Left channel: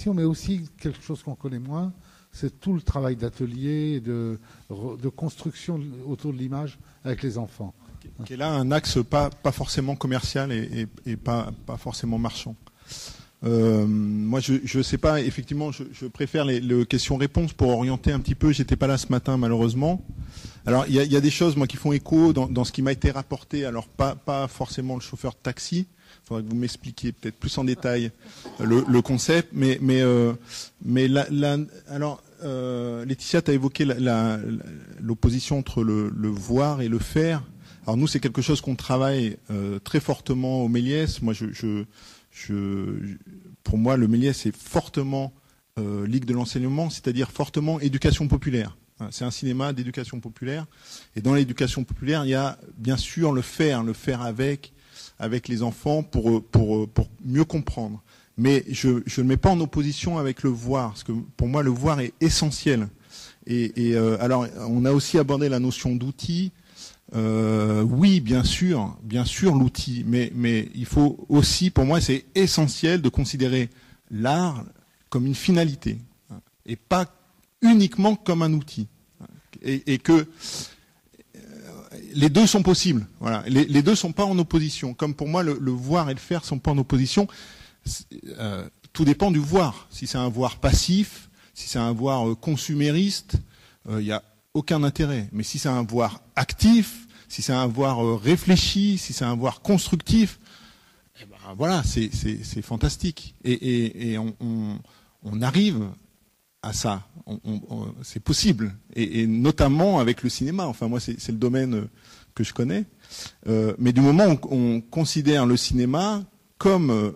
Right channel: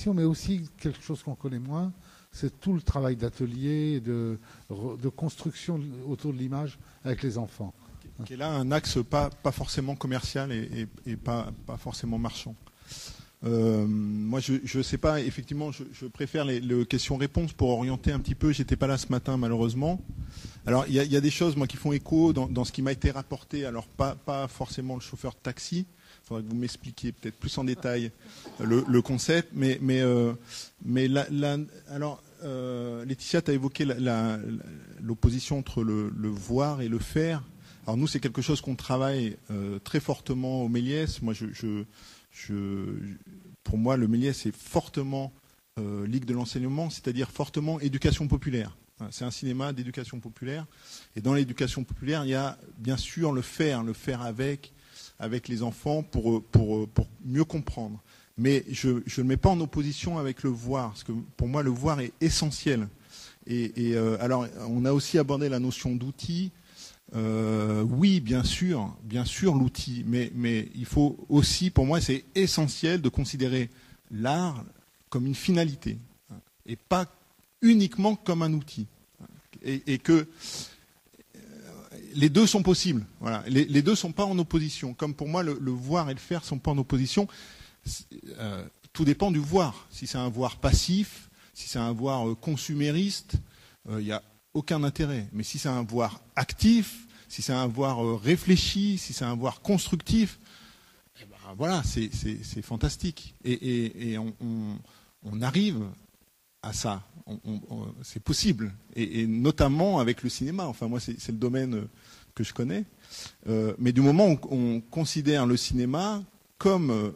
compréhension, mais aussi quelque chose qu'on connaît moins, c'est tout le travail d'atelier, de construction autour de l'image avec les enfants. Qui est là un axe pas forcément commercial et pas forcément marchand. Moi, je ne sais pas, effectivement, je préfère les questions-réponses pour orienter un petit peu. J'étais pas là ce matin, malheureusement. Alors, il y a des choses, moi, qui font écho dans ce qui m'a été rapporté. Alors, pas forcément le chauffeur de taxi. Il faudrait que vous m'expliquiez peut-être plus en détail le concept. Mais alors, Laetitia, tu as évoqué l'opposition entre le voir et le faire. Alors, nous, c'est quelque chose qu'on travaille très fortement au Méliès. Moi, pour moi, le Méliès, c'est fortement Ligue de l'enseignement, c'est-à-dire fortement éducation populaire. C'est un cinéma d'éducation populaire. Et dans l'éducation populaire, il y a bien sûr le faire avec les enfants pour mieux comprendre. Mais je ne mets pas en opposition avec le voir, parce que pour moi, le voir est essentiel. Alors, on a aussi abordé la notion d'outil. Oui, bien sûr, l'outil, mais il faut aussi, pour moi, c'est essentiel de considérer l'art comme une finalité, et pas uniquement comme un outil. Et que les deux sont possibles. Voilà. Les deux ne sont pas en opposition. Comme pour moi, le voir et le faire ne sont pas en opposition. Tout dépend du voir. Si c'est un voir passif, si c'est un voir consumériste, il n'y a aucun intérêt. Mais si c'est un voir actif, si c'est un voir réfléchi, si c'est un voir constructif, eh ben, voilà, c'est fantastique. Et on arrive à ça. C'est possible. Et notamment avec le cinéma. Enfin, moi, c'est le domaine que je connais. Mais du moment où on considère le cinéma comme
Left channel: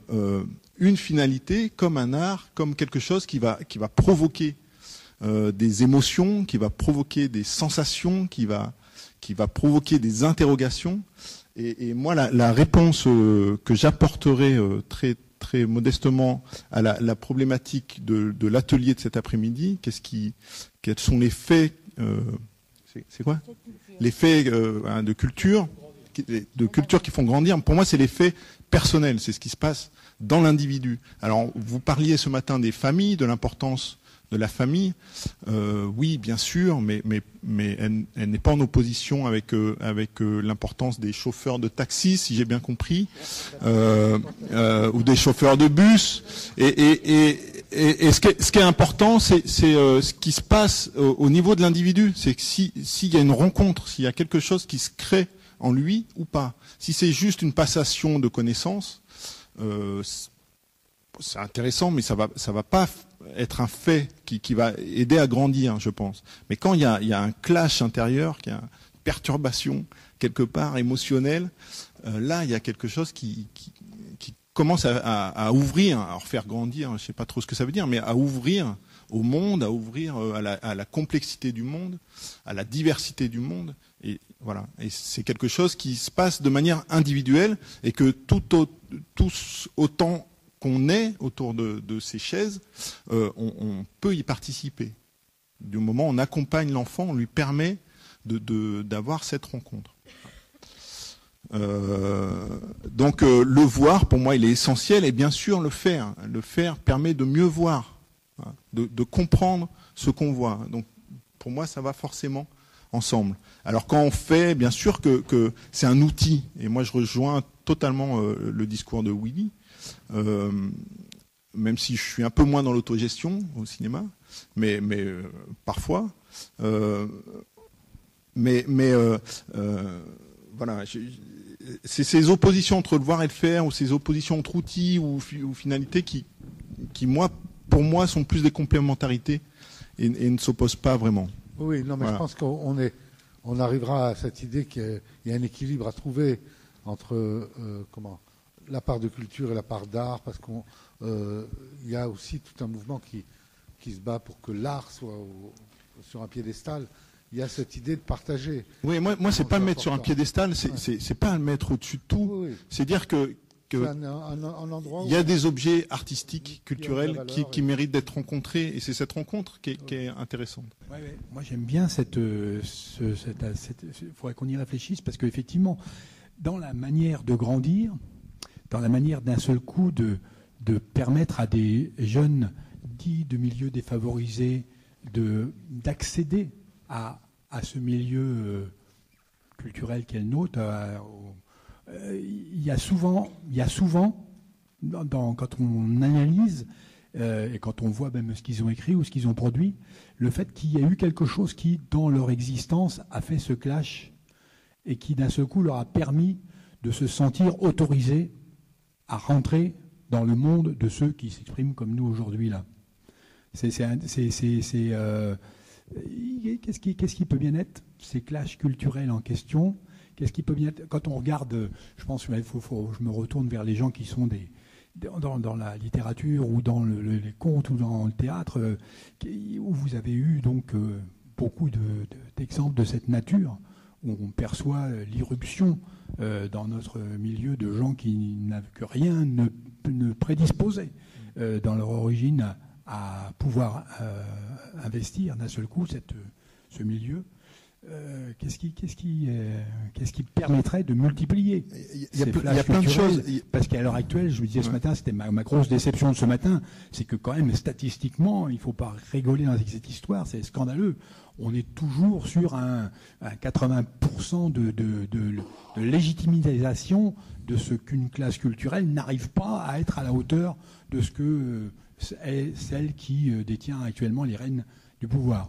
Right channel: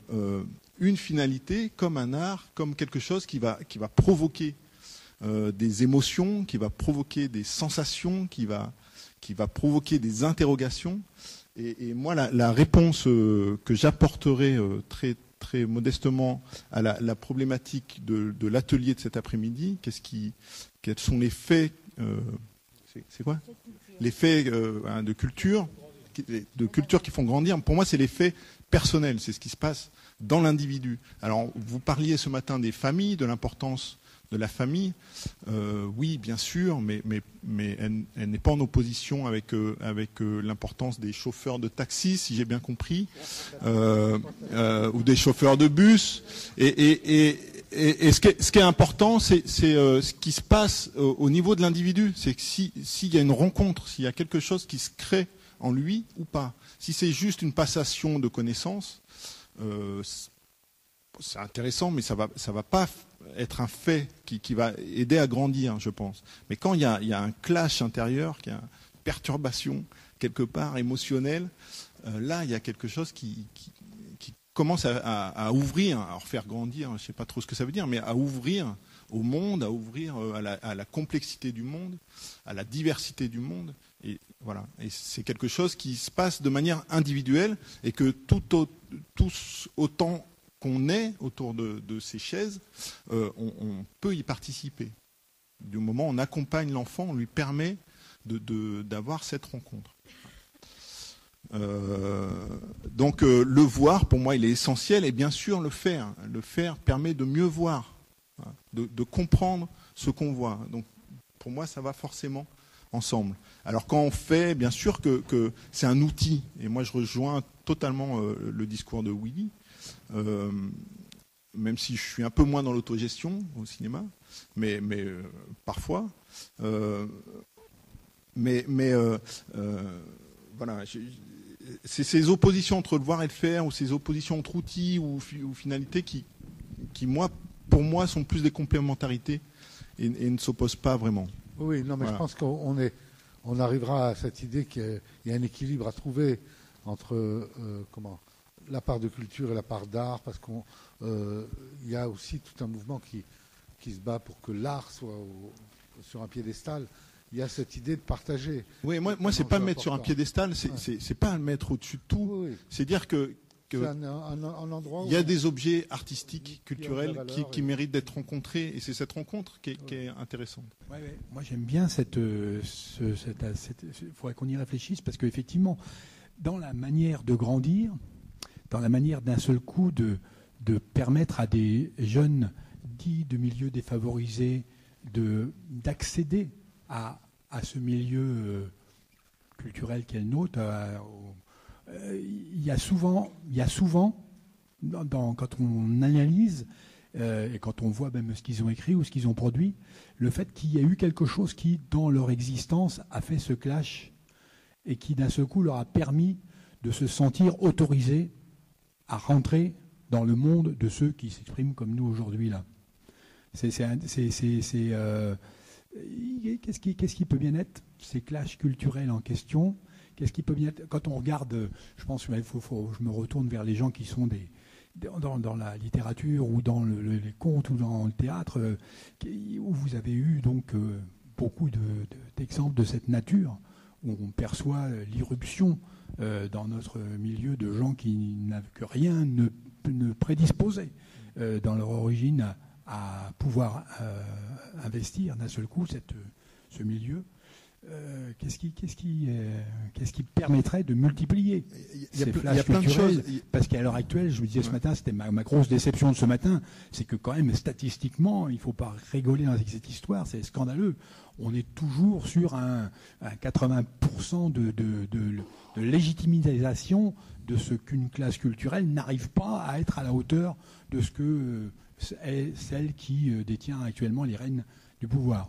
une finalité, comme un art, comme quelque chose qui va provoquer des émotions, qui va provoquer des sensations, qui va provoquer des interrogations. Et moi, la réponse que j'apporterai très modestement à la problématique de l'atelier de cet après-midi, quels sont les faits, c'est quoi? Les faits de culture qui font grandir. Pour moi, c'est les faits personnels, c'est ce qui se passe dans l'individu. Alors, vous parliez ce matin des familles, de l'importance de la famille, oui, bien sûr, mais elle n'est pas en opposition avec l'importance des chauffeurs de taxi, si j'ai bien compris, ou des chauffeurs de bus. Et ce qui est important, c'est ce qui se passe au niveau de l'individu. C'est que s'il y a une rencontre, s'il y a quelque chose qui se crée en lui ou pas. Si c'est juste une passation de connaissances, c'est intéressant, mais ça va pas être un fait qui va aider à grandir, je pense. Mais quand il y a un clash intérieur, qu'il y a une perturbation quelque part émotionnelle, là il y a quelque chose qui commence à ouvrir, à refaire grandir, je ne sais pas trop ce que ça veut dire, mais à ouvrir au monde, à ouvrir à la complexité du monde, à la diversité du monde. Et voilà. Et c'est quelque chose qui se passe de manière individuelle et que tous autant qu'on est autour de ces chaises, on peut y participer. Du moment où on accompagne l'enfant, on lui permet d'avoir cette rencontre. Donc le voir, pour moi, il est essentiel, et bien sûr le faire. Le faire permet de mieux voir, de comprendre ce qu'on voit. Donc pour moi, ça va forcément ensemble. Alors quand on fait, bien sûr que c'est un outil, et moi je rejoins totalement le discours de Willy, même si je suis un peu moins dans l'autogestion au cinéma, mais parfois. Voilà, c'est ces oppositions entre le voir et le faire, ou ces oppositions entre outils ou finalités qui pour moi, sont plus des complémentarités et ne s'opposent pas vraiment. Oui, non, mais voilà. Je pense qu'on arrivera à cette idée qu'il y a un équilibre à trouver entre la part de culture et la part d'art, parce qu'il y a aussi tout un mouvement qui se bat pour que l'art soit sur un piédestal. Il y a cette idée de partager. Oui, moi c'est pas le mettre sur un piédestal, c'est pas le mettre au-dessus de tout. Oui. C'est dire que il y a des objets artistiques, culturels, qui méritent d'être rencontrés, et c'est cette rencontre qui est intéressante. Moi j'aime bien il faudrait qu'on y réfléchisse, parce qu'effectivement, dans la manière de grandir, dans la manière d'un seul coup de permettre à des jeunes petits, de milieux défavorisés, d'accéder à ce milieu culturel qu'est le nôtre. Il y a souvent quand on analyse et quand on voit même ce qu'ils ont écrit ou ce qu'ils ont produit, le fait qu'il y a eu quelque chose qui, dans leur existence, a fait ce clash et qui, d'un seul coup, leur a permis de se sentir autorisés à rentrer dans le monde de ceux qui s'expriment comme nous aujourd'hui là. Qu'est-ce qui peut bien être ces clashs culturels en question? Qu'est-ce qui peut bien être, quand on regarde, je pense que je me retourne vers les gens qui sont dans la littérature ou dans les contes ou dans le théâtre, où vous avez eu donc beaucoup d'exemples de cette nature, où on perçoit l'irruption dans notre milieu de gens que rien ne prédisposait dans leur origine à pouvoir investir d'un seul coup ce milieu. Qu'est-ce qui permettrait de multiplier? Il y a plein de choses. Parce qu'à l'heure actuelle, je vous disais ce matin, c'était ma grosse déception ce matin, c'est que quand même statistiquement, il ne faut pas rigoler dans cette histoire, c'est scandaleux. On est toujours sur un 80% de légitimisation de ce qu'une classe culturelle n'arrive pas à être à la hauteur de ce que est celle qui détient actuellement les rênes du pouvoir.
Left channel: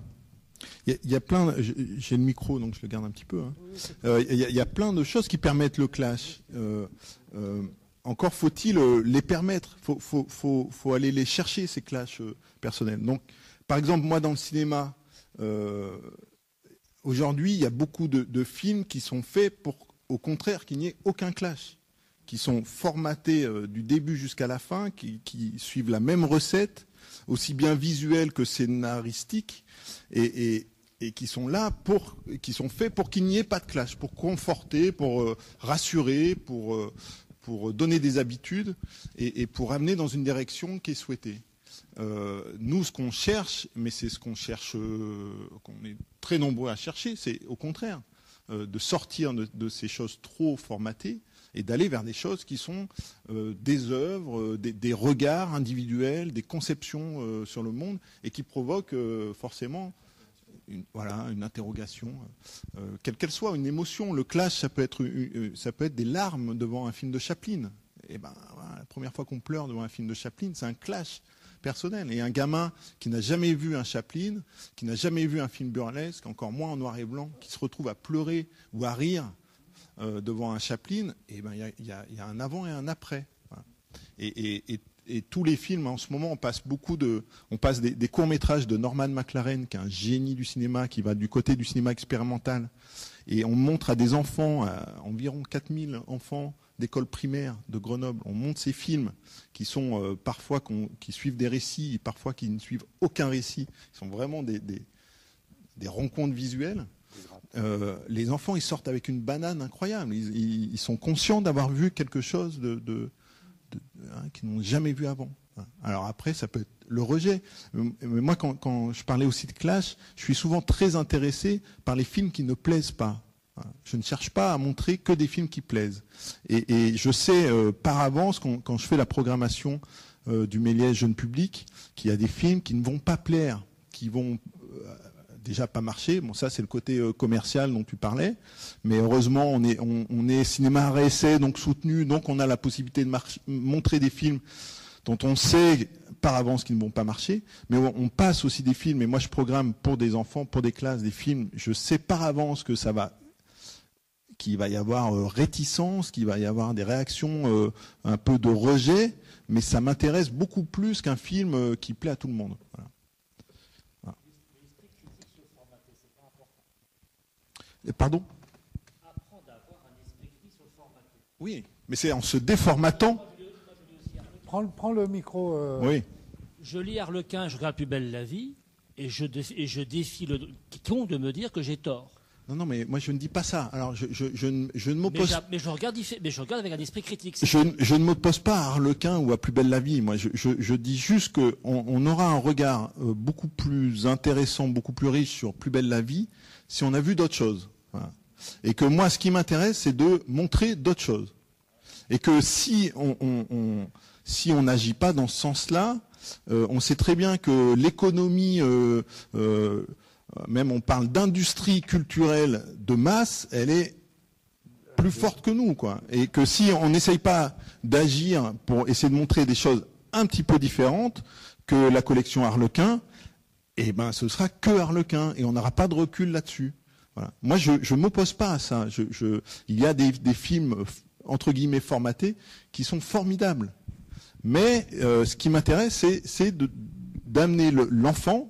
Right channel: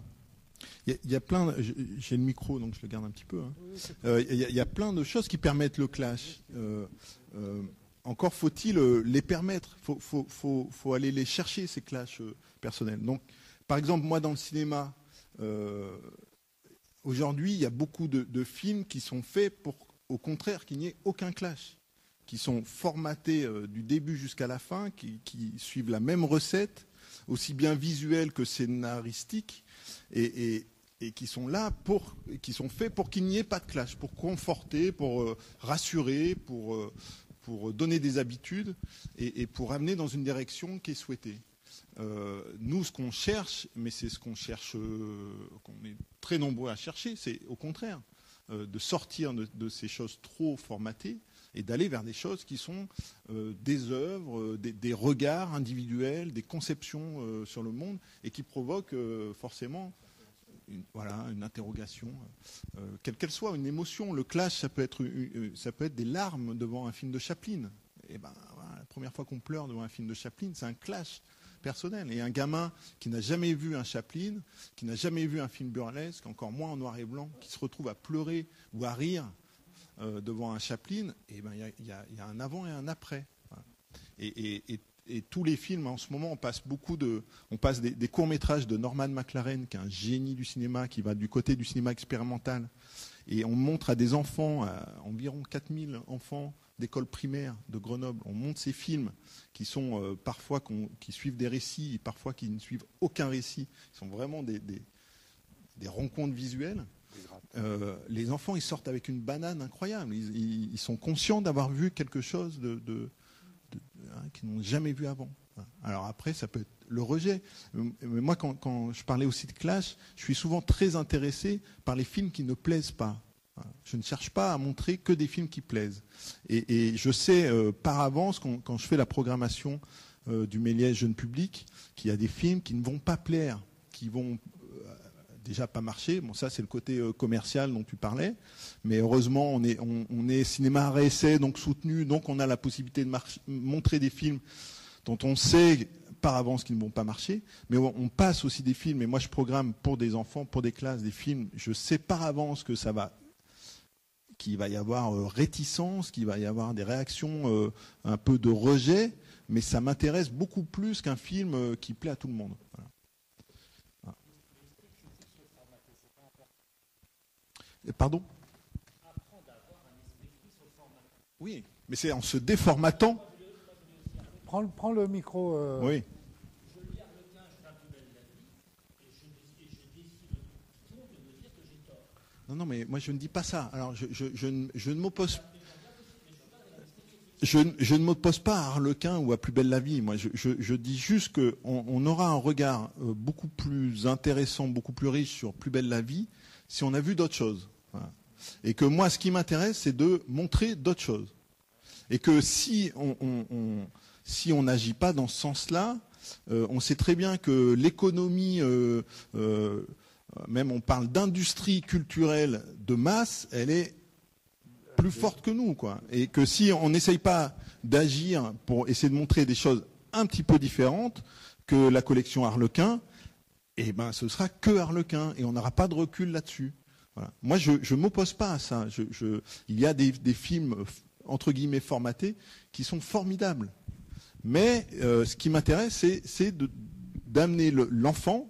Il y a plein, j'ai le micro donc je le garde un petit peu. Il y a plein de choses qui permettent le clash. Encore faut-il les permettre. Faut aller les chercher ces clashs personnels. Donc, par exemple, moi dans le cinéma, aujourd'hui, il y a beaucoup de films qui sont faits pour, au contraire, qu'il n'y ait aucun clash, qui sont formatés du début jusqu'à la fin, qui suivent la même recette, aussi bien visuelle que scénaristique, et qui sont là qui sont faits pour qu'il n'y ait pas de clash, pour conforter, pour rassurer, pour donner des habitudes et pour amener dans une direction qui est souhaitée. Nous, ce qu'on cherche, mais c'est ce qu'on cherche, qu'on est très nombreux à chercher, c'est au contraire de sortir de ces choses trop formatées et d'aller vers des choses qui sont des œuvres, des regards individuels, des conceptions sur le monde et qui provoquent forcément une interrogation, quelle qu'elle soit, une émotion. Le clash, ça peut être des larmes devant un film de Chaplin. Et ben, voilà, la première fois qu'on pleure devant un film de Chaplin, c'est un clash personnel. Et un gamin qui n'a jamais vu un Chaplin, qui n'a jamais vu un film burlesque, encore moins en noir et blanc, qui se retrouve à pleurer ou à rire devant un Chaplin, et ben il y a un avant et un après. Voilà. Et tous les films, en ce moment, on passe des courts-métrages de Norman McLaren, qui est un génie du cinéma, qui va du côté du cinéma expérimental. Et on montre à des enfants, à environ 4000 enfants d'école primaire de Grenoble, on montre ces films qui sont parfois qui suivent des récits, et parfois qui ne suivent aucun récit. Ce sont vraiment des rencontres visuelles. Les enfants, ils sortent avec une banane incroyable. Ils sont conscients d'avoir vu quelque chose qu'ils n'ont jamais vu avant. Alors après, ça peut être le rejet. Mais moi, quand je parlais aussi de clash, je suis souvent très intéressé par les films qui ne plaisent pas. Je ne cherche pas à montrer que des films qui plaisent. Et je sais par avance, quand je fais la programmation du Méliès jeune public, qu'il y a des films qui ne vont pas plaire, qui vont déjà pas marcher. Bon, ça c'est le côté commercial dont tu parlais. Mais heureusement, on est cinéma RSA, donc soutenu, donc on a la possibilité de montrer des films dont on sait par avance qu'ils ne vont pas marcher. Mais on passe aussi des films, et moi je programme pour des enfants, pour des classes, des films, je sais par avance que qu'il va y avoir réticence, qu'il va y avoir des réactions un peu de rejet, mais ça m'intéresse beaucoup plus qu'un film qui plaît à tout le monde. Voilà. Voilà. Et pardon ? Oui, mais c'est en se déformatant. Prends le micro. Oui. Je lis Harlequin, je regarde Plus belle la vie, et je défie quiconque de me dire que j'ai tort. Non, mais moi je ne dis pas ça. Alors je ne m'oppose. Mais je regarde avec un esprit critique. Je ne m'oppose pas à Harlequin ou à Plus belle la vie. Moi, je dis juste qu'on aura un regard beaucoup plus intéressant, beaucoup plus riche sur Plus belle la vie si on a vu d'autres choses. Voilà. Et que moi, ce qui m'intéresse, c'est de montrer d'autres choses. Et que si on n'agit pas dans ce sens-là, On sait très bien que l'économie, même on parle d'industrie culturelle de masse, elle est plus forte que nous, quoi. Et que si on n'essaye pas d'agir pour essayer de montrer des choses un petit peu différentes que la collection Harlequin, eh ben ce sera que Harlequin et on n'aura pas de recul là-dessus. Voilà. Moi, je ne m'oppose pas à ça. Il y a des films, entre guillemets, formatés qui sont formidables. Mais ce qui m'intéresse, c'est d'amener l'enfant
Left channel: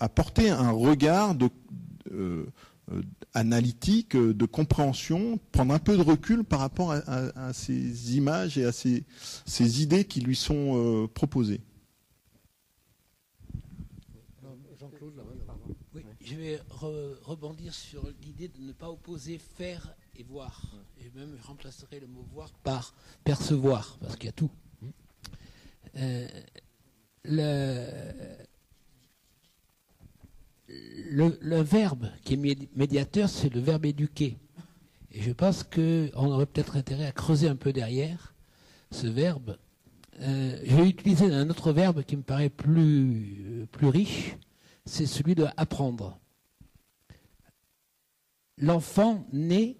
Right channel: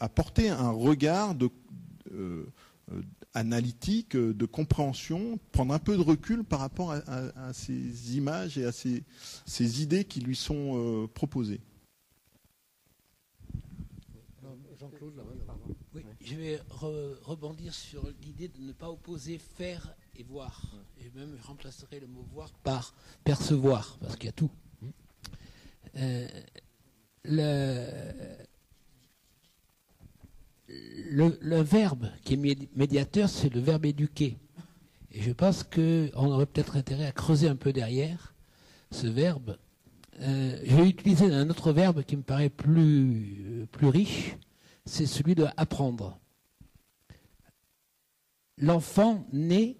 à porter un regard analytique, de compréhension, prendre un peu de recul par rapport à ces images et à ces idées qui lui sont proposées. Jean-Claude, là-bas. Oui, je vais rebondir sur l'idée de ne pas opposer faire et voir. Et même je remplacerai le mot voir par percevoir, parce qu'il y a tout. Le verbe qui est médiateur, c'est le verbe éduquer. Et je pense qu'on aurait peut-être intérêt à creuser un peu derrière ce verbe. Je vais utiliser un autre verbe qui me paraît plus riche, c'est celui de apprendre. L'enfant naît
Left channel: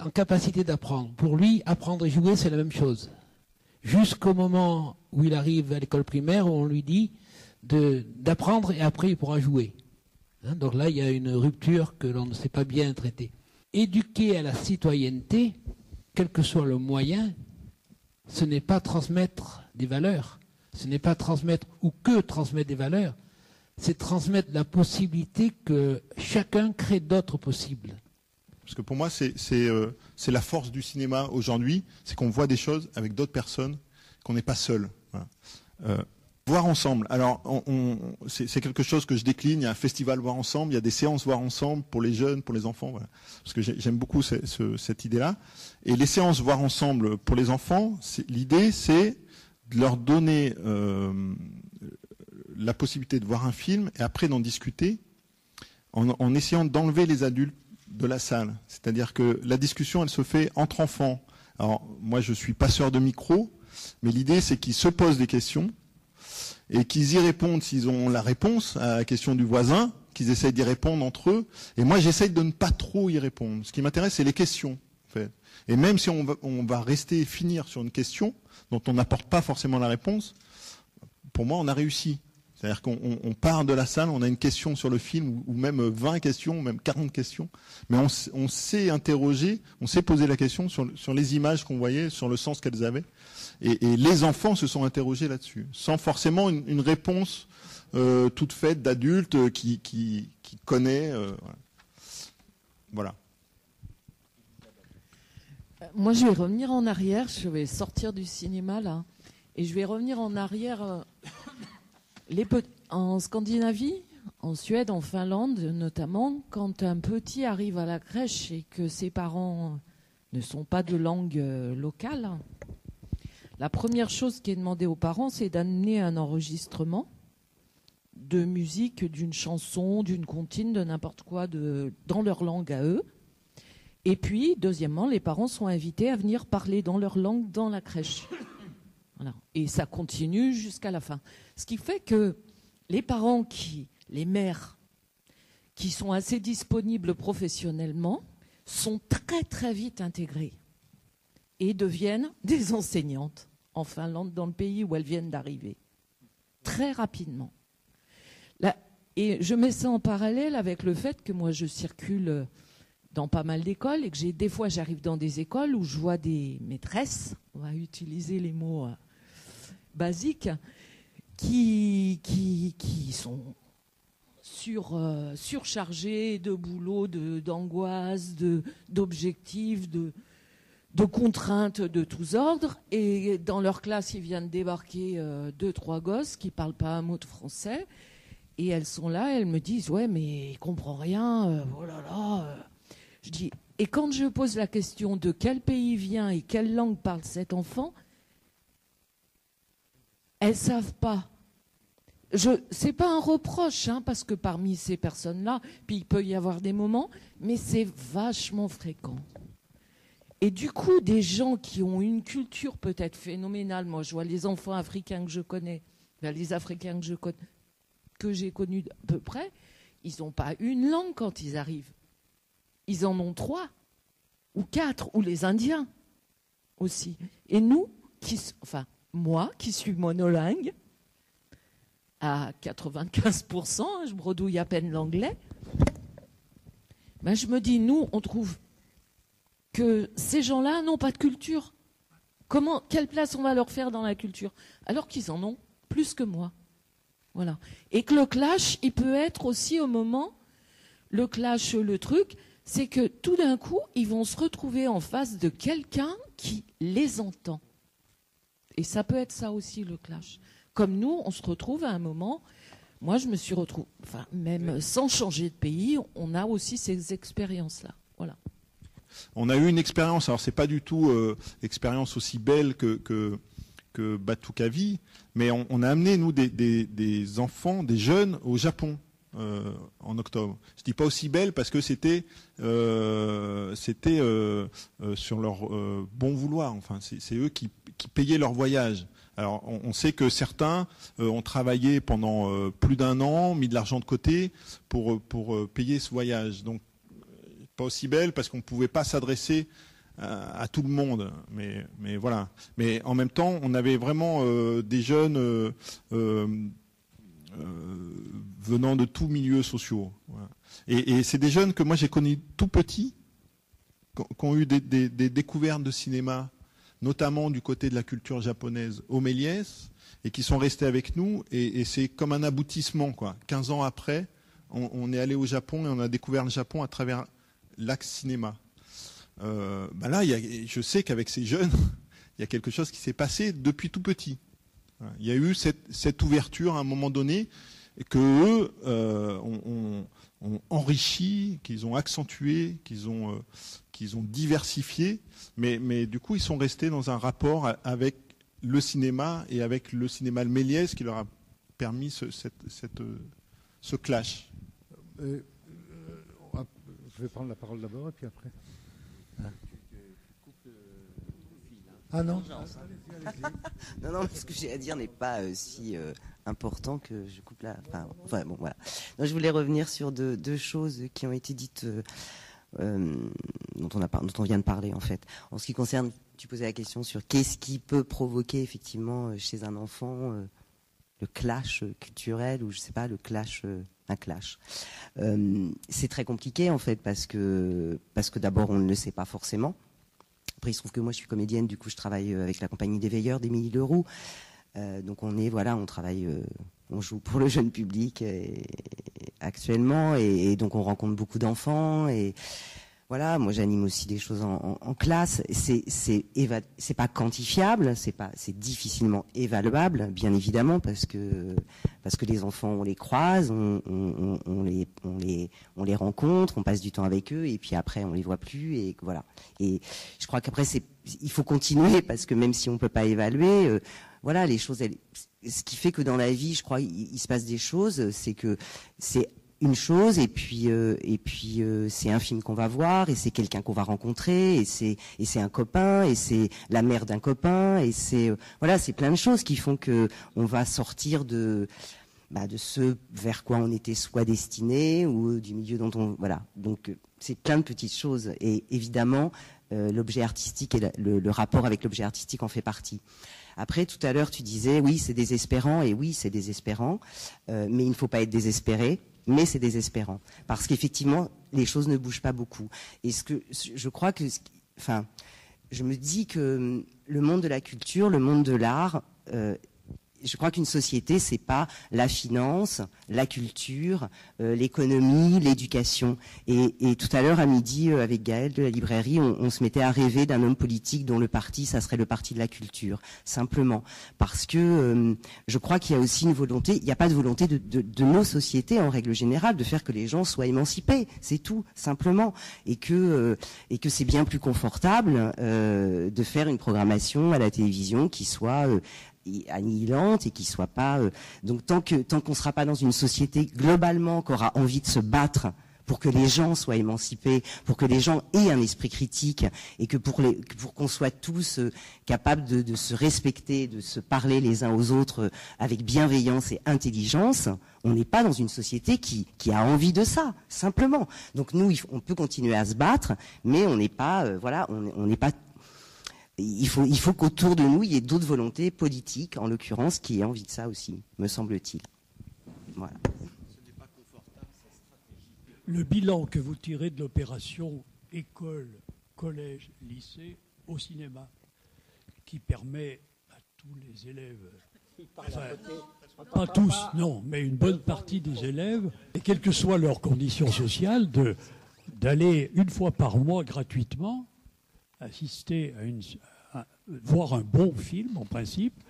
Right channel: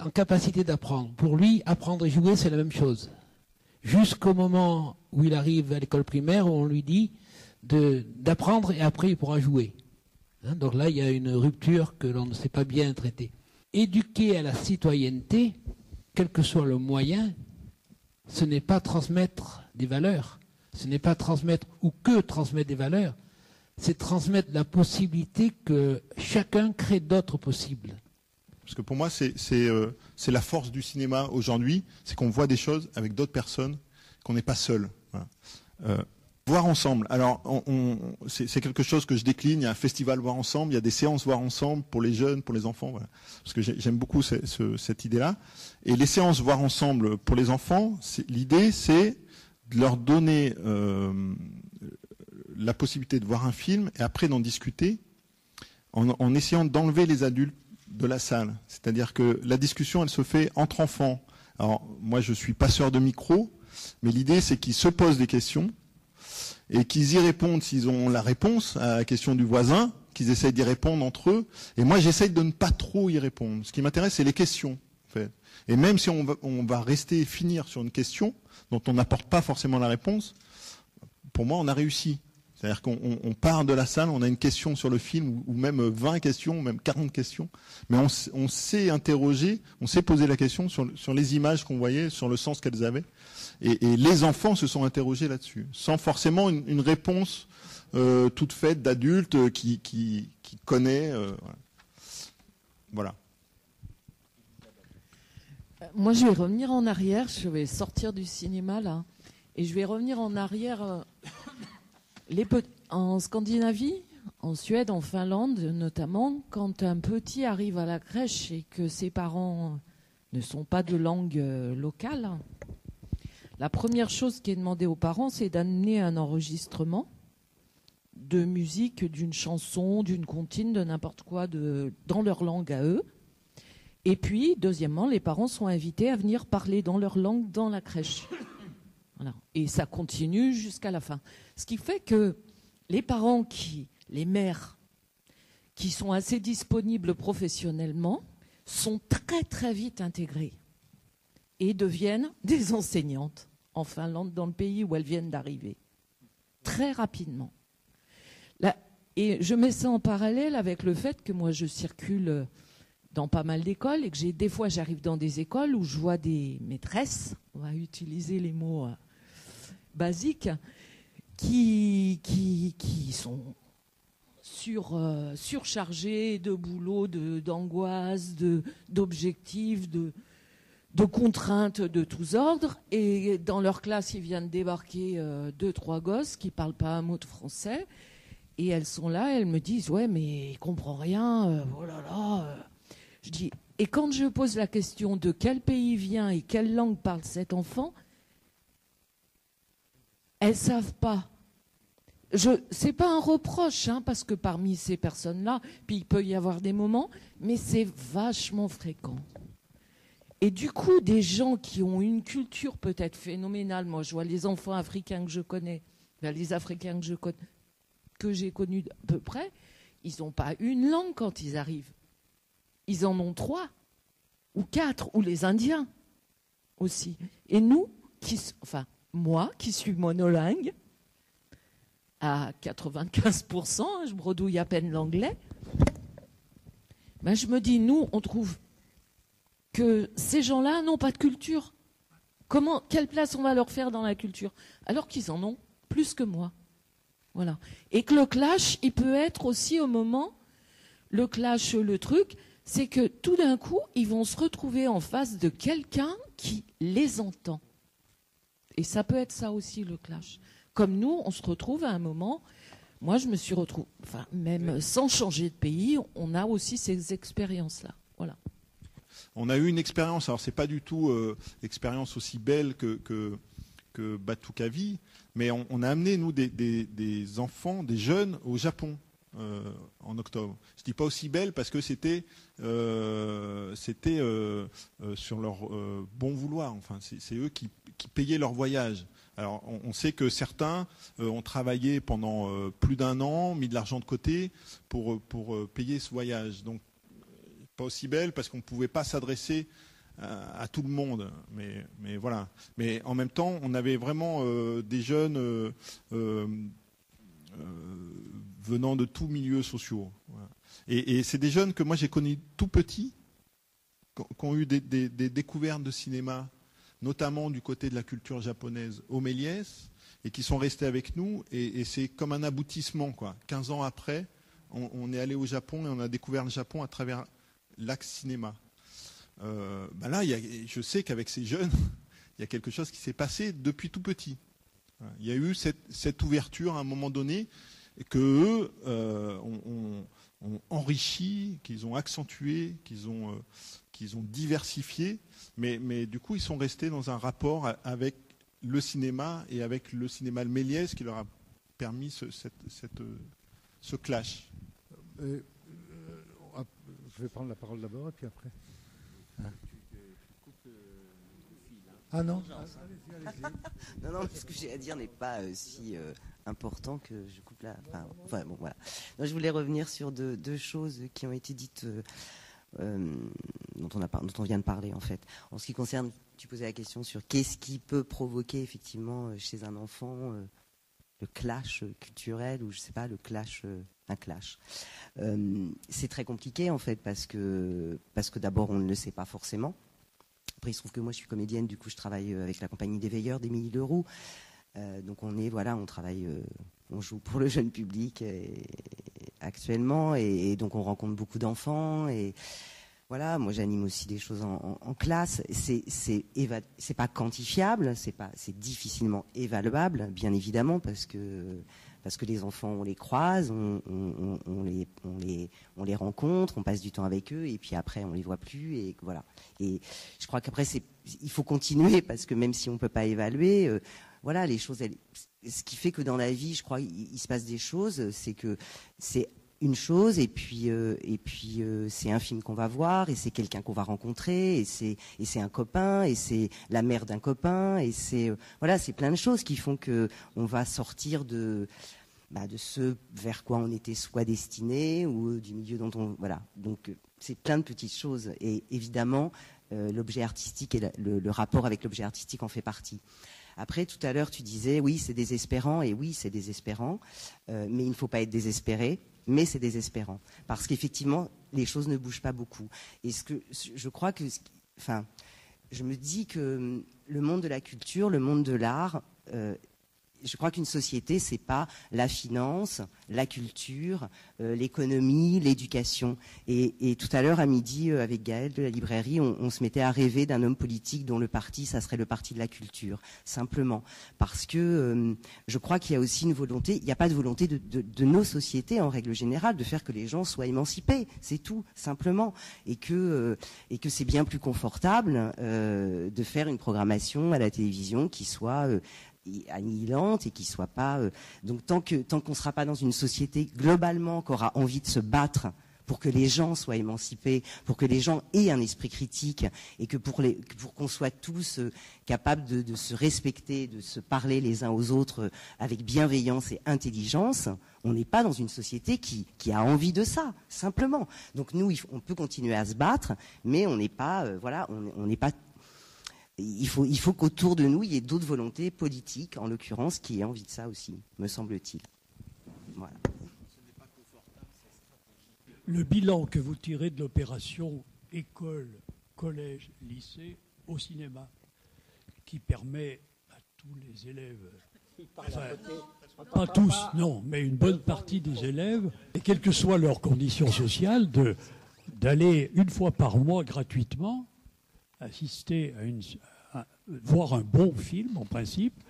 en capacité d'apprendre. Pour lui, apprendre et jouer, c'est la même chose. Jusqu'au moment où il arrive à l'école primaire, où on lui dit d'apprendre et après il pourra jouer. Donc là, il y a une rupture que l'on ne sait pas bien traiter. Éduquer à la citoyenneté, quel que soit le moyen, ce n'est pas transmettre des valeurs, ce n'est pas transmettre ou que transmettre des valeurs, c'est transmettre la possibilité que chacun crée d'autres possibles. Parce que pour moi, c'est la force du cinéma aujourd'hui, c'est qu'on voit des choses avec d'autres personnes, qu'on n'est pas seul. Voilà. Voir ensemble. Alors, c'est quelque chose que je décline. Il y a un festival voir ensemble, il y a des séances voir ensemble pour les jeunes, pour les enfants. Voilà. Parce que j'aime beaucoup cette idée-là. Et les séances voir ensemble pour les enfants, l'idée, c'est de leur donner la possibilité de voir un film et après d'en discuter en essayant d'enlever les adultes de la salle. C'est-à-dire que la discussion, elle se fait entre enfants. Alors, moi, je suis passeur de micro, mais l'idée, c'est qu'ils se posent des questions et qu'ils y répondent s'ils ont la réponse à la question du voisin, qu'ils essayent d'y répondre entre eux. Et moi, j'essaye de ne pas trop y répondre. Ce qui m'intéresse, c'est les questions, en fait. Et même si on va rester finir sur une question dont on n'apporte pas forcément la réponse, pour moi, on a réussi. C'est-à-dire qu'on part de la salle, on a une question sur le film, ou même 20 questions, ou même 40 questions, mais on s'est interrogé, on s'est posé la question sur les images qu'on voyait, sur le sens qu'elles avaient. Et les enfants se sont interrogés là-dessus, sans forcément une réponse toute faite d'adulte qui connaît. Voilà. Moi, je vais revenir en arrière. Je vais sortir du cinéma, là. Et je vais revenir en arrière. En Scandinavie, en Suède, en Finlande notamment, quand un petit arrive à la crèche et que ses parents ne sont pas de langue locale, la première chose qui est demandée aux parents, c'est d'amener un enregistrement de musique, d'une chanson, d'une comptine, de n'importe quoi dans leur langue à eux. Et puis, deuxièmement, les parents sont invités à venir parler dans leur langue dans la crèche. Voilà. Et ça continue jusqu'à la fin. Ce qui fait que les parents, les mères, qui sont assez disponibles professionnellement, sont très très vite intégrées et deviennent des enseignantes en Finlande, dans le pays où elles viennent d'arriver. Très rapidement. Et je mets ça en parallèle avec le fait que moi je circule dans pas mal d'écoles et que des fois j'arrive dans des écoles où je vois des maîtresses, on va utiliser les mots basiques, qui sont surchargées de boulot, d'angoisse, d'objectifs, de contraintes de tous ordres. Et dans leur classe, il vient de débarquer 2-3 gosses qui ne parlent pas un mot de français. Et elles sont là, elles me disent « Ouais, mais il comprend rien, oh là là. » Je dis « Et quand je pose la question de quel pays vient et quelle langue parle cet enfant, elles ne savent pas. » C'est pas un reproche, hein, parce que parmi ces personnes-là, puis il peut y avoir des moments, mais c'est vachement fréquent. Et du coup, des gens qui ont une culture peut-être phénoménale, moi je vois les enfants africains que je connais, les Africains que j'ai connus à peu près, ils n'ont pas une langue quand ils arrivent. Ils en ont 3 ou 4, ou les Indiens aussi. Et nous, moi qui suis monolingue, à 95%, je bredouille à peine l'anglais, ben je me dis, nous, on trouve que ces gens-là n'ont pas de culture. Quelle place on va leur faire dans la culture? Alors qu'ils en ont plus que moi. Voilà. Et que le clash, il peut être aussi au moment, le clash, le truc, c'est que tout d'un coup, ils vont se retrouver en face de quelqu'un qui les entend. Et ça peut être ça aussi, le clash. Comme nous, on se retrouve à un moment, moi je me suis retrouvée, même sans changer de pays, on a aussi ces expériences-là. Voilà. On a eu une expérience, alors c'est pas du tout expérience aussi belle que Batukavi, mais on a amené, nous, des enfants, des jeunes au Japon en octobre. Je dis pas aussi belle parce que c'était sur leur bon vouloir. Enfin, c'est eux qui payaient leur voyage. Alors, on sait que certains ont travaillé pendant plus d'1 an, mis de l'argent de côté pour payer ce voyage. Donc, pas aussi belle parce qu'on ne pouvait pas s'adresser à tout le monde. Mais voilà. Mais en même temps, on avait vraiment des jeunes venant de tous milieux sociaux. Voilà. Et c'est des jeunes que moi j'ai connus tout petits, qui ont eu des découvertes de cinéma, notamment du côté de la culture japonaise au Méliès, et qui sont restés avec nous, et c'est comme un aboutissement, quoi. 15 ans après, on est allé au Japon et on a découvert le Japon à travers l'axe cinéma. Là, je sais qu'avec ces jeunes, il y a quelque chose qui s'est passé depuis tout petit. Il y a eu cette ouverture à un moment donné, et qu'eux ont enrichi, qu'ils ont accentué, qu'ils ont diversifié, mais du coup ils sont restés dans un rapport avec le cinéma et avec le cinéma de Méliès qui leur a permis ce clash. Je vais prendre la parole d'abord et après. Ah non. Non, ce que j'ai à dire n'est pas si important que je coupe là. Enfin, bon, voilà. Donc, je voulais revenir sur deux choses qui ont été dites, dont on vient de parler en fait. En ce qui concerne, tu posais la question sur qu'est-ce qui peut provoquer effectivement chez un enfant le clash culturel ou je sais pas, un clash. C'est très compliqué en fait parce que d'abord on ne le sait pas forcément. Après il se trouve que moi je suis comédienne, du coup je travaille avec la compagnie des Veilleurs d'Émilie Leroux. Donc on travaille, on joue pour le jeune public actuellement et donc on rencontre beaucoup d'enfants et voilà, moi j'anime aussi des choses en classe. C'est pas quantifiable, c'est difficilement évaluable, bien évidemment, parce que les enfants on les croise, on les rencontre, on passe du temps avec eux et puis après on les voit plus et voilà. Et je crois qu'après il faut continuer parce que même si on peut pas évaluer, voilà les choses. Ce qui fait que dans la vie, je crois, il se passe des choses, c'est que c'est une chose et puis c'est un film qu'on va voir et c'est quelqu'un qu'on va rencontrer et c'est un copain et c'est la mère d'un copain et c'est plein de choses qui font que on va sortir de ce vers quoi on était soit destiné ou du milieu dont on voilà. Donc c'est plein de petites choses et évidemment l'objet artistique et le rapport avec l'objet artistique en fait partie. Après, tout à l'heure, tu disais, oui, c'est désespérant, et oui, c'est désespérant, mais il ne faut pas être désespéré, mais c'est désespérant. Parce qu'effectivement, les choses ne bougent pas beaucoup. Et je crois que, je me dis que le monde de la culture, le monde de l'art, je crois qu'une société, c'est pas la finance, la culture, l'économie, l'éducation. Et tout à l'heure, à midi, avec Gaël de la librairie, on se mettait à rêver d'un homme politique dont le parti, ça serait le parti de la culture, simplement. Parce que je crois qu'il y a aussi une volonté, il n'y a pas de volonté de nos sociétés, en règle générale, de faire que les gens soient émancipés, c'est tout, simplement. Et que c'est bien plus confortable de faire une programmation à la télévision qui soit annihilante et qui soit pas donc tant qu'on ne sera pas dans une société globalement qui aura envie de se battre pour que les gens soient émancipés, pour que les gens aient un esprit critique, et que pour qu'on soit tous capables de se respecter, de se parler les uns aux autres avec bienveillance et intelligence, on n'est pas dans une société qui a envie de ça, simplement. Donc nous, on peut continuer à se battre, mais on n'est pas, on n'est pas. Il faut qu'autour de nous, il y ait d'autres volontés politiques, en l'occurrence, qui aient envie de ça aussi, me semble-t-il. Voilà. Le bilan que vous tirez de l'opération école, collège, lycée au cinéma, qui permet à tous les élèves, enfin, pas tous, non, mais une bonne partie des élèves, et quelles que soient leurs conditions sociales, d'aller une fois par mois gratuitement assister à voir un bon film en principe,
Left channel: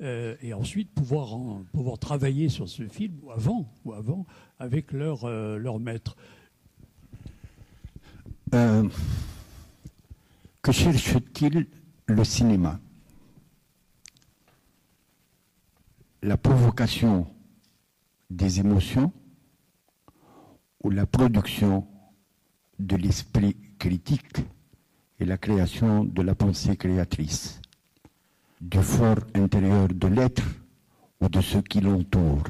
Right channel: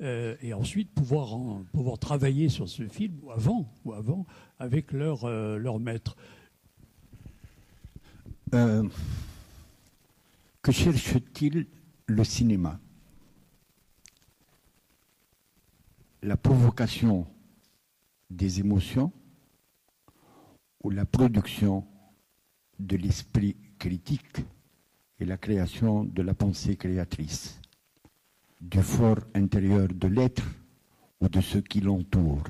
et ensuite pouvoir travailler sur ce film ou avant avec leur maître. Que cherche-t-il le cinéma? La provocation des émotions ou la production de l'esprit critique et la création de la pensée créatrice, du fort intérieur de l'être ou de ce qui l'entoure?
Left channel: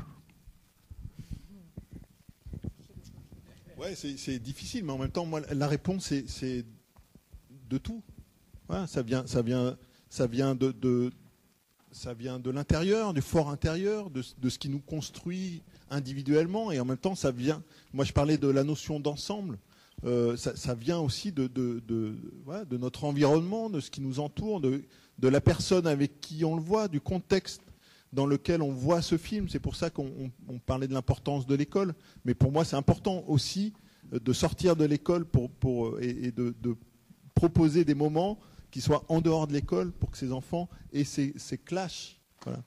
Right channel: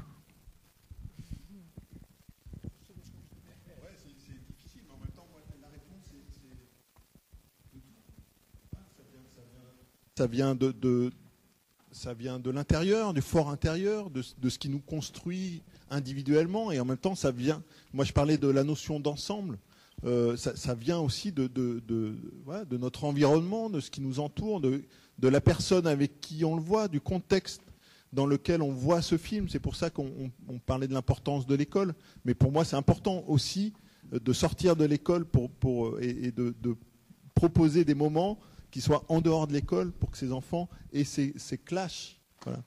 Ouais, c'est difficile, mais en même temps, moi, la réponse, c'est de tout. Ouais, ça vient de l'intérieur, du fort intérieur, de ce qui nous construit individuellement, et en même temps, ça vient. Moi, je parlais de la notion d'ensemble. Ça vient aussi de notre environnement, de ce qui nous entoure, de la personne avec qui on le voit, du contexte dans lequel on voit ce film. C'est pour ça qu'on parlait de l'importance de l'école. Mais pour moi, c'est important aussi de sortir de l'école et de proposer des moments qui soient en dehors de l'école pour que ces enfants aient ces clashs. Voilà.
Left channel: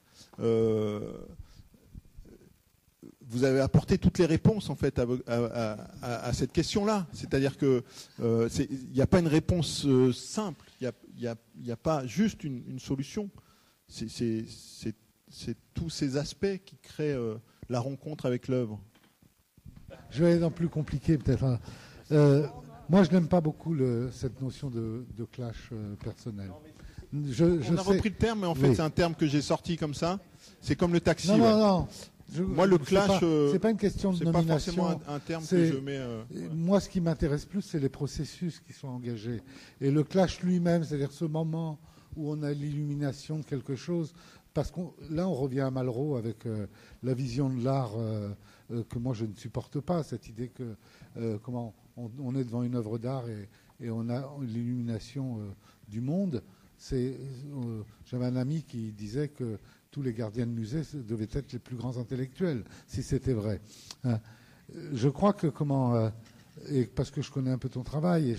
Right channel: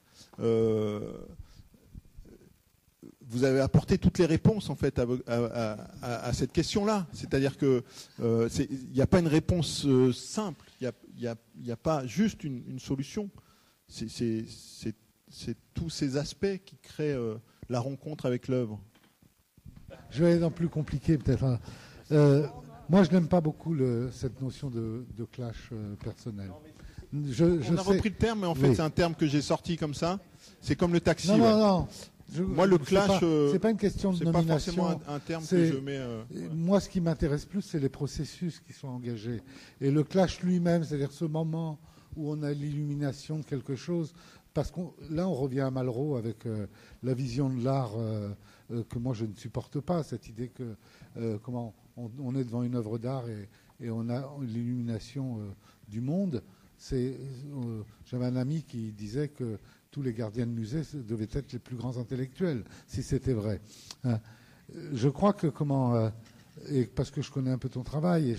Vous avez apporté toutes les réponses en fait à cette question-là. C'est-à-dire que il n'y a pas une réponse simple. Il n'y a pas juste une solution. C'est tous ces aspects qui créent la rencontre avec l'œuvre. Je vais aller dans plus compliqué peut-être. Moi, je n'aime pas beaucoup cette notion de clash personnel. On a repris le terme, mais en fait, c'est un terme que j'ai sorti comme ça. C'est comme le taxi. Non. Moi, le clash, c'est pas une question de nomination. C'est pas forcément un terme que je mets. Moi, ce qui m'intéresse plus, c'est les processus qui sont engagés. Et le clash lui-même, c'est-à-dire ce moment où on a l'illumination de quelque chose. Parce que là, on revient à Malraux avec la vision de l'art que moi, je ne supporte pas. Cette idée que comment on est devant une œuvre d'art et on a l'illumination du monde. J'avais un ami qui disait que tous les gardiens de musée devaient être les plus grands intellectuels, si c'était vrai. Je crois que et parce que je connais un peu ton travail et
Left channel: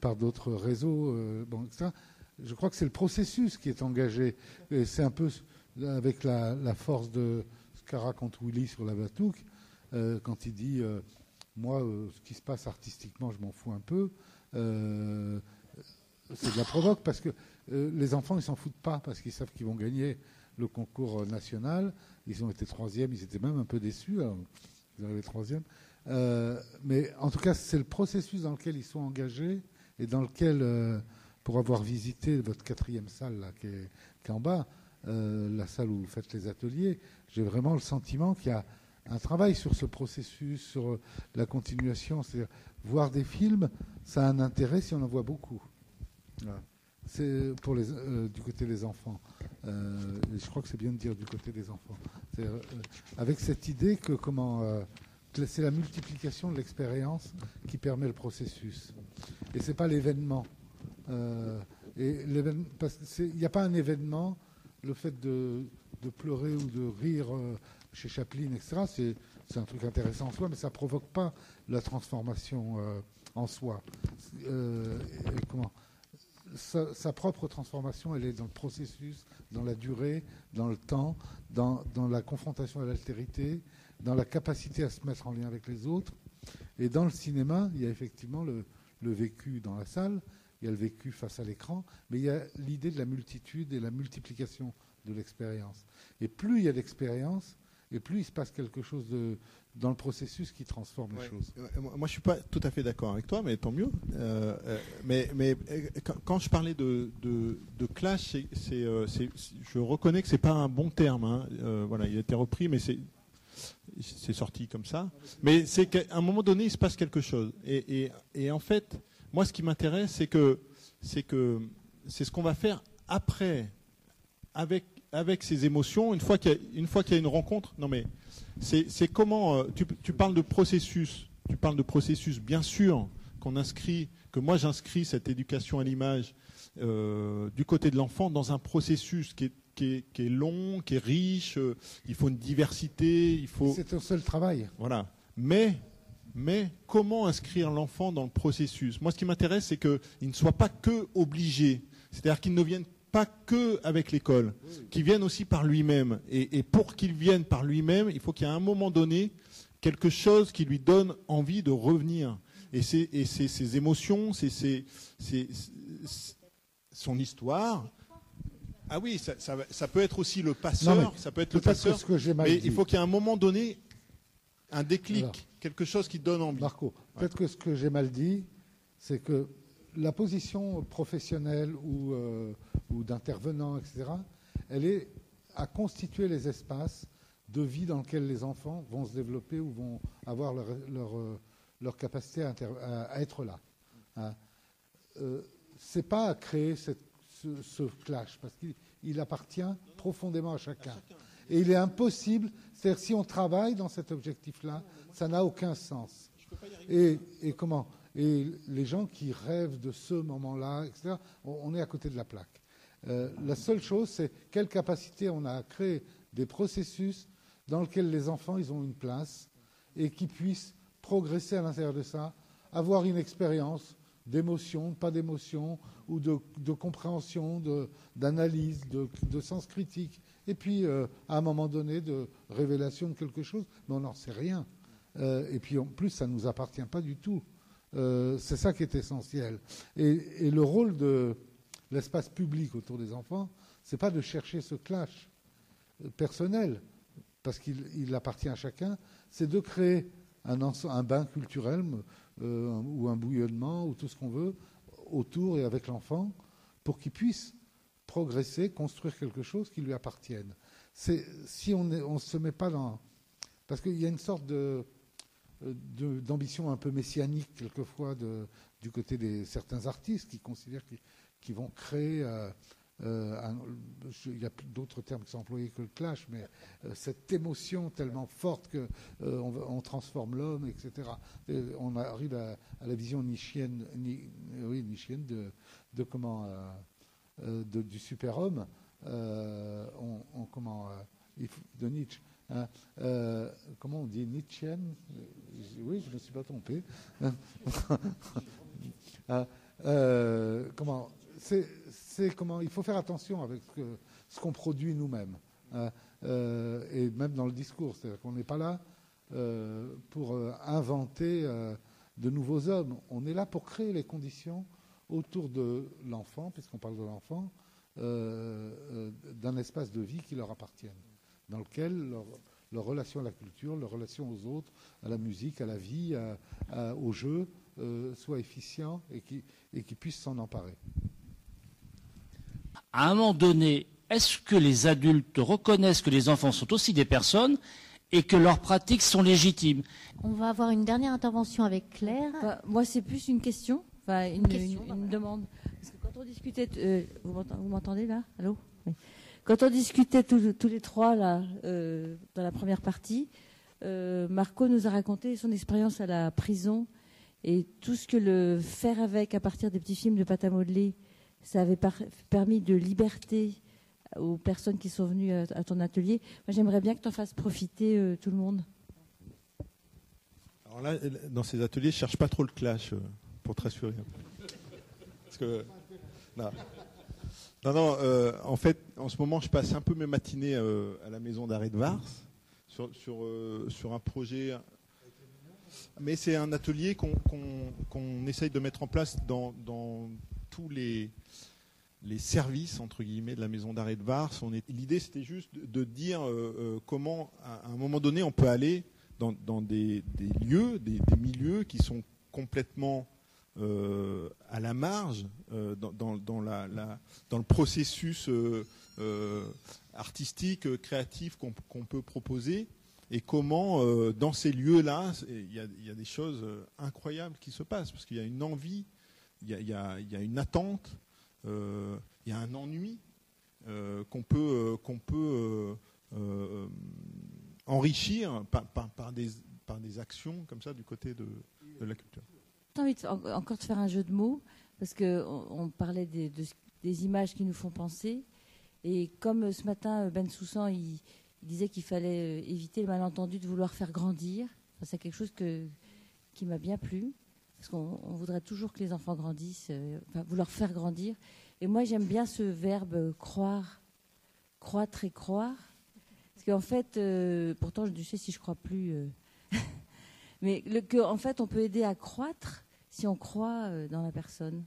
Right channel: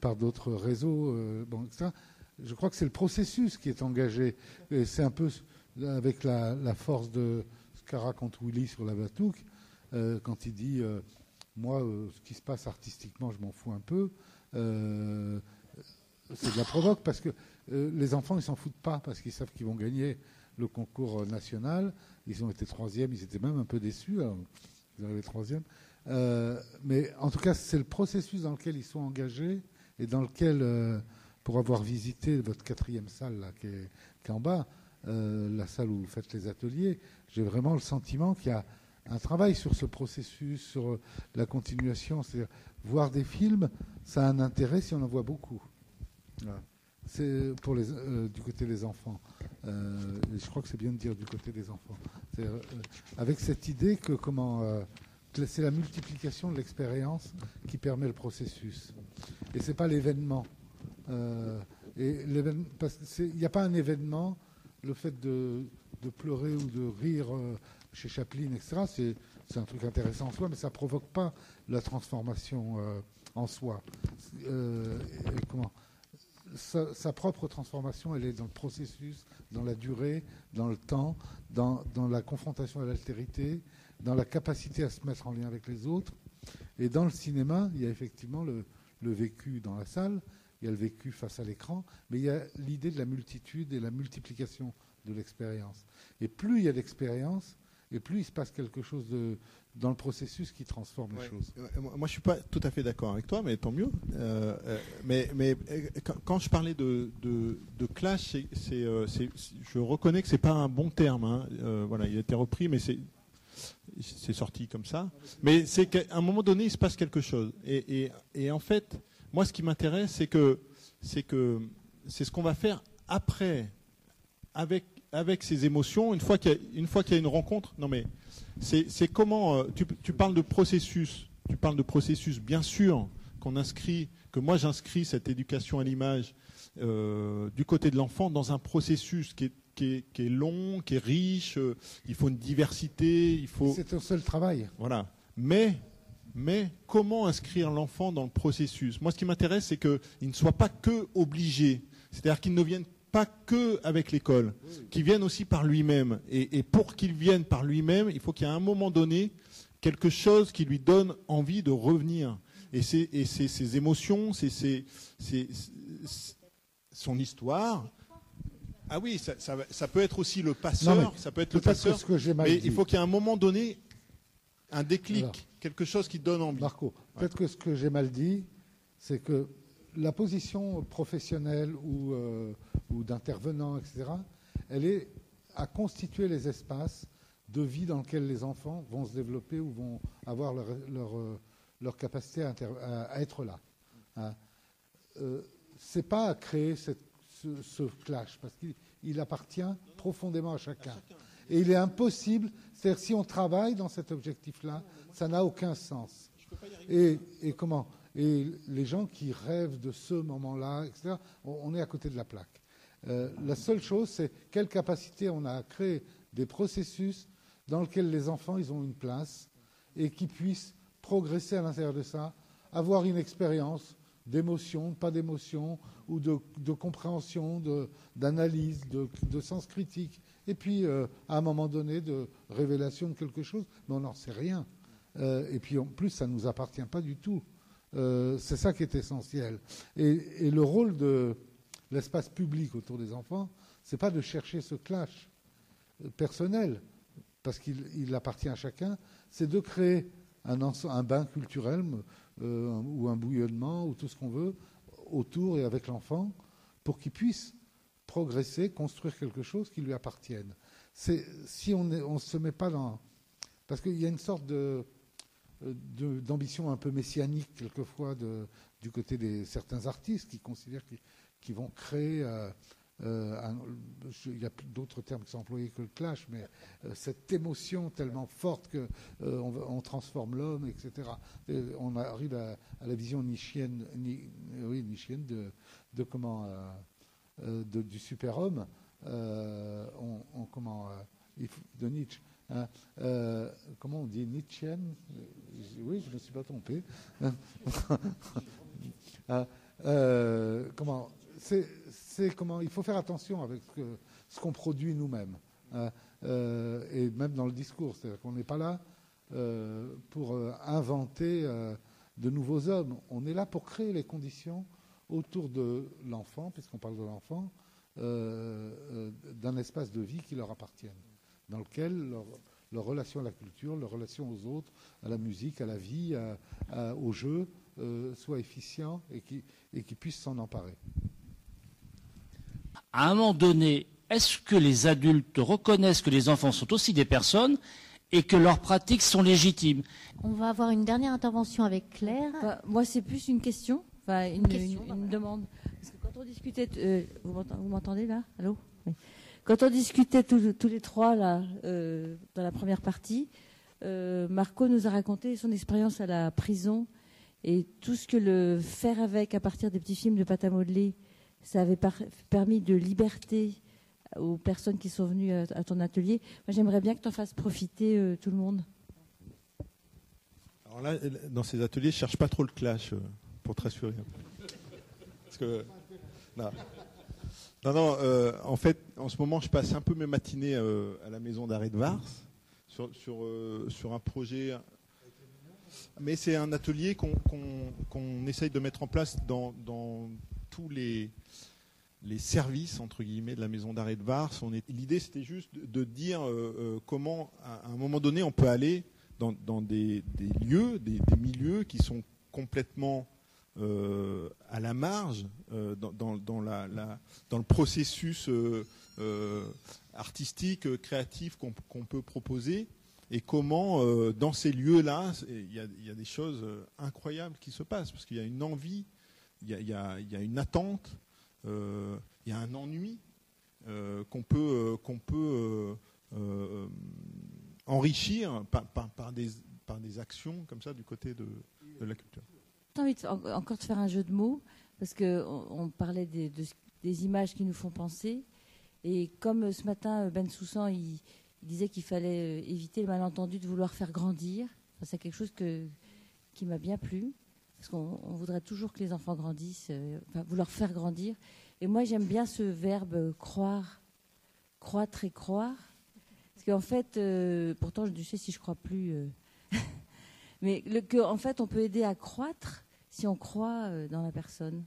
par d'autres réseaux, etc., je crois que c'est le processus qui est engagé. Et c'est un peu avec la force de ce qu'a raconté Willy sur la Batouk, quand il dit moi, ce qui se passe artistiquement, je m'en fous un peu. C'est de la provoque parce que les enfants, ils s'en foutent pas parce qu'ils savent qu'ils vont gagner le concours national. Ils ont été 3e, ils étaient même un peu déçus. Alors, ils arrivaient 3e. Mais en tout cas, c'est le processus dans lequel ils sont engagés et dans lequel, pour avoir visité votre 4e salle là, qui est en bas, la salle où vous faites les ateliers, j'ai vraiment le sentiment qu'il y a un travail sur ce processus, sur la continuation. C'est-à-dire, voir des films, ça a un intérêt si on en voit beaucoup. Voilà. C'est pour du côté des enfants. Et je crois que c'est bien de dire du côté des enfants. Avec cette idée que c'est la multiplication de l'expérience qui permet le processus. Et c'est pas l'événement. Il n'y a pas un événement. Le fait de pleurer ou de rire chez Chaplin, etc., c'est un truc intéressant en soi, mais ça provoque pas la transformation en soi. Sa propre transformation, elle est dans le processus, dans la durée, dans le temps, dans la confrontation à l'altérité, dans la capacité à se mettre en lien avec les autres. Et dans le cinéma, il y a effectivement le vécu dans la salle, il y a le vécu face à l'écran, mais il y a l'idée de la multitude et la multiplication de l'expérience. Et plus il y a d'expérience, et plus il se passe quelque chose dans le processus qui transforme les choses. Moi, je ne suis pas tout à fait d'accord avec toi, mais tant mieux. Mais quand je parlais de clash, je reconnais que ce n'est pas un bon terme. Hein. Voilà, il a été repris, mais c'est sorti comme ça. Mais c'est qu'à un moment donné, il se passe quelque chose. Et en fait, moi, ce qui m'intéresse, c'est ce qu'on va faire après, avec ces émotions, une fois qu'il y a une rencontre. Non, mais c'est comment tu parles de processus. Tu parles de processus, bien sûr, que moi j'inscris cette éducation à l'image du côté de l'enfant dans un processus qui est long, qui est riche. Il faut une diversité. C'est un seul travail. Voilà. Mais comment inscrire l'enfant dans le processus? Moi, ce qui m'intéresse, c'est qu'il ne soit pas que obligé. C'est-à-dire qu'il ne vienne pas que avec l'école, qu'il vienne aussi par lui-même. Et pour qu'il vienne par lui-même, il faut qu'il y ait à un moment donné quelque chose qui lui donne envie de revenir. Et c'est ses émotions, c'est son histoire. Ah oui, ça peut être aussi le passeur, ça peut être le passeur. Mais il faut qu'il y ait à un moment donné un déclic, quelque chose qui donne envie. Marco, peut-être que ce que j'ai mal dit, c'est que la position professionnelle ou d'intervenant, etc., elle est à constituer les espaces de vie dans lesquels les enfants vont se développer ou vont avoir leur capacité à être là. Hein. C'est pas à créer ce clash, parce qu'il appartient profondément à chacun. Et il est impossible, c'est-à-dire si on travaille dans cet objectif-là, ça n'a aucun sens. Et comment ? Et les gens qui rêvent de ce moment-là, etc., on est à côté de la plaque. La seule chose, c'est quelle capacité on a à créer des processus dans lesquels les enfants ils ont une place et qui puissent progresser à l'intérieur de ça, avoir une expérience d'émotion, pas d'émotion, ou de compréhension, d'analyse, de sens critique, et puis à un moment donné de révélation de quelque chose, mais on n'en sait rien. Et puis en plus, ça ne nous appartient pas du tout. C'est ça qui est essentiel. Et le rôle de l'espace public autour des enfants, c'est pas de chercher ce clash personnel, parce qu'il appartient à chacun, c'est de créer un bain culturel ou un bouillonnement ou tout ce qu'on veut autour et avec l'enfant pour qu'il puisse progresser, construire quelque chose qui lui appartienne. Si on ne se met pas dans... Parce qu'il y a une sorte d'ambition un peu messianique quelquefois du côté de certains artistes qui considèrent qu'ils vont créer... il y a d'autres termes qui sont employés que le clash, mais cette émotion tellement forte qu'on transforme l'homme, etc. Et on arrive à la vision nietzschienne, nietzschienne du super-homme, de Nietzsche. Hein, comment on dit nietzschienne? Oui, je ne me suis pas trompé. Il faut faire attention avec ce qu'on produit nous-mêmes, et même dans le discours, c'est-à-dire qu'on n'est pas là pour inventer de nouveaux hommes. On est là pour créer les conditions autour de l'enfant, puisqu'on parle de l'enfant, d'un espace de vie qui leur appartienne, dans lequel leur relation à la culture, leur relation aux autres, à la musique, à la vie, au jeu, soit efficient et qui puisse s'en emparer. À un moment donné, est-ce que les adultes reconnaissent que les enfants sont aussi des personnes et que leurs pratiques sont légitimes? On va avoir une dernière intervention avec Claire. Moi, c'est plus une question, une demande. Parce que quand on discutait, vous m'entendez là? Allô? Oui. Quand on discutait tous les trois là, dans la première partie, Marco nous a raconté son expérience à la prison et tout ce que le faire avec à partir des petits films de pâte à modeler, ça avait permis de liberté aux personnes qui sont venues à ton atelier. Moi, j'aimerais bien que tu en fasses profiter tout le monde. Alors là, dans ces ateliers, je ne cherche pas trop le clash, pour te rassurer. Parce que... Non, en fait, en ce moment, je passe un peu mes matinées à la maison d'arrêt de Vars sur un projet... Mais c'est un atelier qu'on essaye de mettre en place dans tous les les services entre guillemets de la maison d'arrêt de Vars. L'idée c'était juste de dire comment à un moment donné on peut aller dans des lieux, des milieux qui sont complètement à la marge dans le processus artistique, créatif qu'on peut proposer, et comment dans ces lieux-là il y a des choses incroyables qui se passent, parce qu'il y a une envie, il y a une attente, il y a un ennui qu'on peut enrichir par des actions comme ça du côté de la culture. J'ai envie encore de faire un jeu de mots, parce qu'on parlait des images qui nous font penser, et comme ce matin Ben Soussan il disait qu'il fallait éviter le malentendu de vouloir faire grandir, enfin, c'est quelque chose qui m'a bien plu, parce qu'on voudrait toujours que les enfants grandissent, vouloir faire grandir. Et moi j'aime bien ce verbe croire, croître et croire, parce qu'en fait, pourtant je sais si je crois plus, mais en fait on peut aider à croître si on croit dans la personne.